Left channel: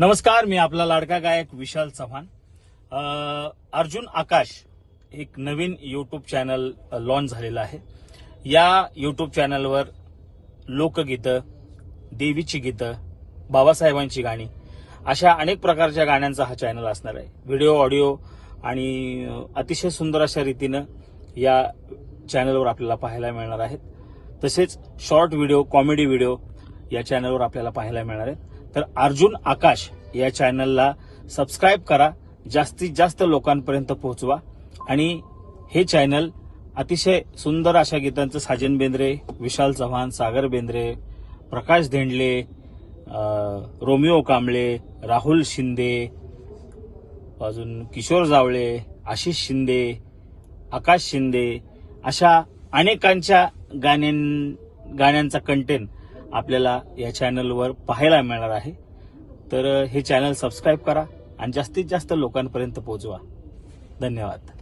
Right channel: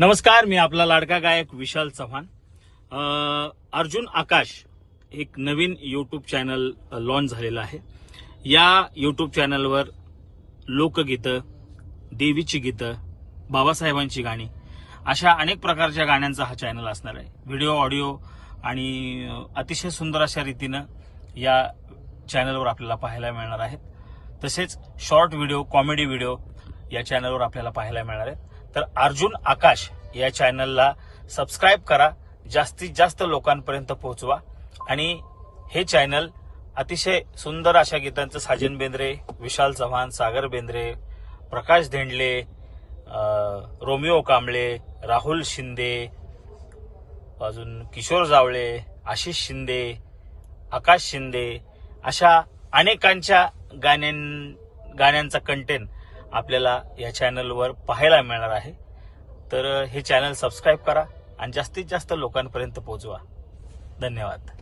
नमस्कार, मी आपला लाडका गायक विशाल चव्हाण. अर्जुन आकाश एक नवीन यूट्यूब चॅनल लॉन्च झालेलं आहे. या यूट्यूब चॅनलवर लोकगीतं, देवीची गीतं, बाबासाहेबांची गाणी अशा अनेक प्रकारच्या गाण्यांचा हा चॅनल असणार आहे. व्हिडिओ, ऑडिओ आणि अतिशय सुंदर अशा रीतीनं या चॅनलवर आपल्याला पाहायला मिळणार आहेत. तसेच शॉर्ट व्हिडिओ, कॉमेडी व्हिडिओ या चॅनलवर आपल्याला पाहायला मिळणार आहेत. तर अर्जुन आकाश या चॅनलला सबस्क्राईब करा, जास्तीत जास्त लोकांपर्यंत पोहोचवा आणि हे चॅनल अतिशय सुंदर अशा गीतांचं साजन बेंद्रे, विशाल चव्हाण, सागर बेंद्रे, प्रकाश धेंडले, रोमिओ कांबळे, राहुल शिंदे, अजून किशोर जावळे, आशिष शिंदे, आकाश शिंदे अशा अनेकांच्या गाण्यांचा कंटेंट आपल्याला या चॅनलवर पाहायला मिळणार आहे. तर हे चॅनल सबस्क्राईब करा आणि जास्तीत जास्त लोकांपर्यंत पोहोचवा. धन्यवाद.